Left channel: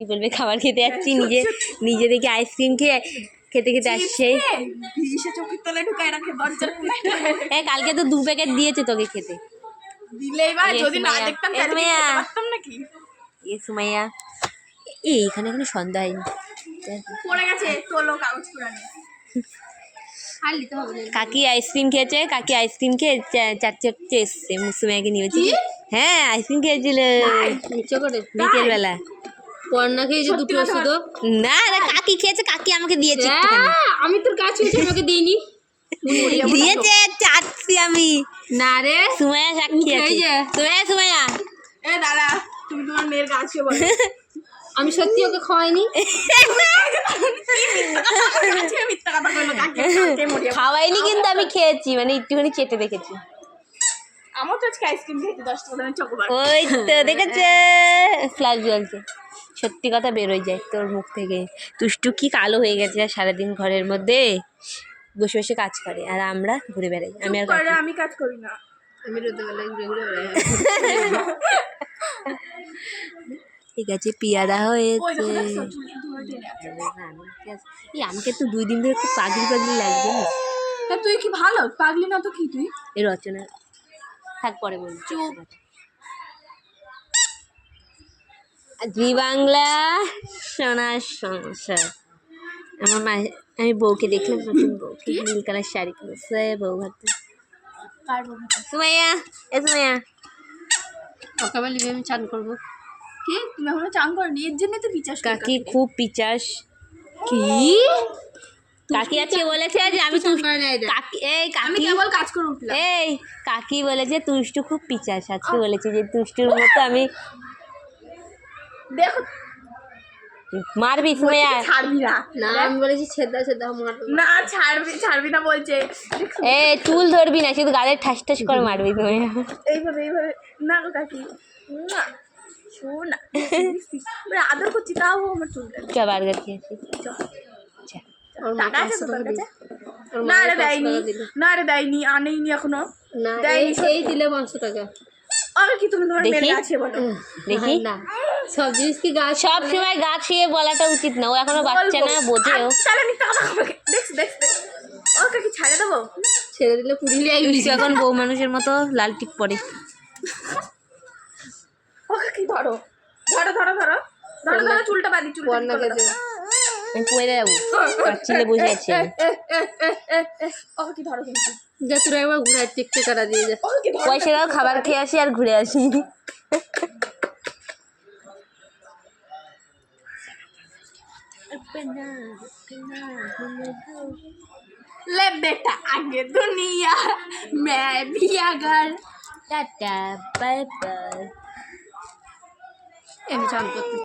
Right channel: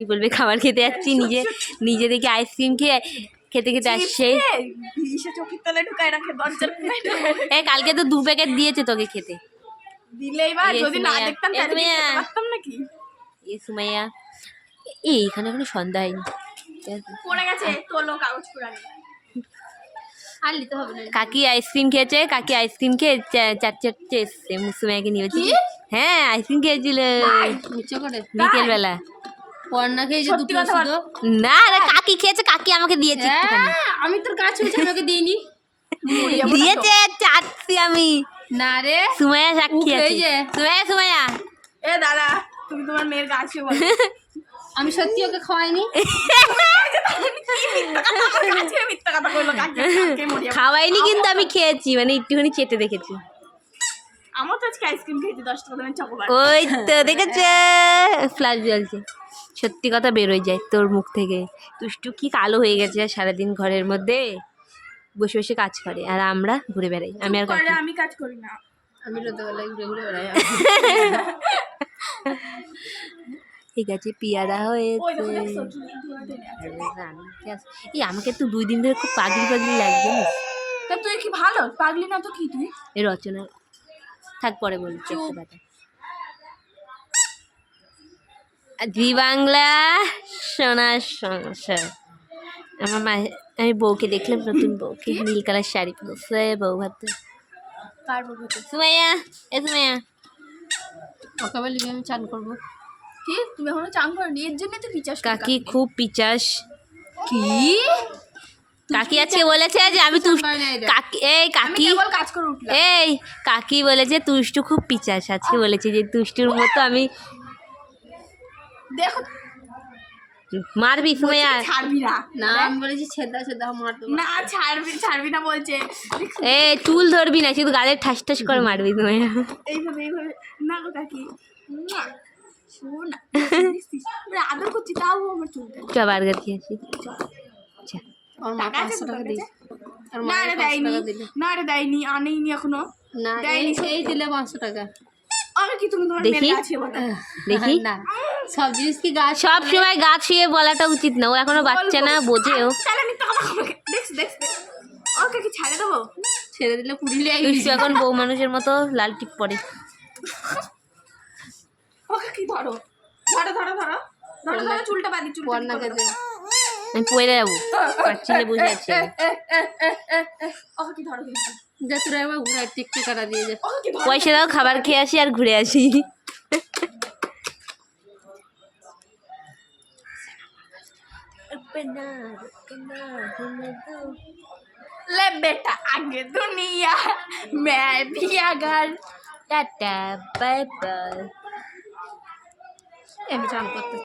কি বলবে, খাবার খেতে যাচ্ছি, নিজে দেখে আইসক্রিম খেয়ে খেতে খেতে আসছে। কালকে তো 2 প্যাকেট দিয়েছে তোকে খেতে। সুমাইয়া এইখানে কোনো সন্ধ্যা হয়নি, কাকি আইসক্রিম খেয়েছে, কাকি আইসক্রিম খেয়ে 4 এসছে সুমাইয়াকে নিয়েছি। হ্যাঁ আইসক্রিম খেয়েছিল বিকেল বেলা। পড়না খেয়েছে দুটো শুধু। না রে, কাকি খেয়েছে, কাকি আমাকে দিয়েছে। আমি তোর কাছে তোকে দিইনি। দিয়েছে, চাচ্ছি আমি। না রে, সুমাইয়া সাক্ষী আছে। সুমাইয়া এ দাঁড়া, তুমি তোমার মেয়ের কাছে বলো। আমি সত্যি ওকে খাওয়াইনি। খাওয়াইনি, কিন্তু আমি খেয়েছি, মানে একটুখানি চেটে দেখেছি। আমার তো আজকে আইসক্রিম খেয়েছি 10 টাকা দামের চকোবার। ওই তো দেখেছে, ফ্ল্যাশ জ্বলছে। সত্যি কথা বেরোয় যায় তোর মুখ থেকে। তুষ্টু কি কালো হয়ে গেছে, সারাদিন ঘরের মধ্যে বসে বসে কাজ করে, আর আমরা ঘুরে বেড়াই। আমি কাজ করি না, আমি রোদে বেলায় ঘুরে ঘুরে বেড়াই। ঠিক আছে, পেয়ারা হয়েছে। আমাকে তো 2 দিন ধরে খুব পাগলি লাগছে। তা তুই কি ভালো পাগলি না তো কি তুই? এই রচনা থাক, পরে বলছি কথা। জি বাংলা সোনার সংসার। আমার মা, আমি বউকে দেখলাম, নতুন বউকে নীল কালার শাড়ি পরেছে, বউ হাতে। সুমাইয়া সুমাইয়া সকালবেলা আমি চান করবো। কি তুমি এখনো চান করনি? এর জন্য তো পিচাস। কাকি খুব পিচাস। কি কাকি আজকে বলেছে যে আমি কাকি, এই কাকি কেবল কাজ করে উঠলাম। এই কাকি বলেছে তুষ্টু খুব পিচাস। আজকে বলেছে যে তুষ্টুর মতো আমি। দেখো মারবি সুমাইয়া? ছাড়বি না। না আমি বলেছি ছেদা মারবো না, ছাড়বি না বলছে। চুল ধরবি না, শুধু গালে ঠাস ঠাস করে মারবি সুমাইয়া। এইভাবে না গো কাকি, শোন না, আদর করছি তাও আমার চুলটা। চ বার্গার খেয়েছি। না রে দেয়নি, আনেইনি এখনো। না এই দিলে 500 টাকা। আর কি তুমি তোমার মেয়ের কাছে বলো? দেখি না, সব জিনিস কি গাছ সব সময় গাছ শুয়ে বলাটা উচিত না, ও এখনো বাচ্চা না, বোঝেও। তাহলে আমি টাকা দেখ ও কাকি ছেড়ে দেবো? ছেড়ে দিলে পুড়িলে এখন বউ মানুষের মতো লাল টিপ পরে। ও কাকি ধরো চুলটা বাঁধি, চুলটা আমি পড়ে যাবো, কাচ্ছিলে বসে আছি। ও কাকি ধরো কিন্তু। যা তোরা একবার ঘুরাই টিকটে কাটা দিয়ে যা। পয়সা দাও, খাবার খেয়ে আসি আর ঘুরে আসি। ले बेटा आगे दुनिया मैं भी अगर। Tata bye bye. আমি চান করতে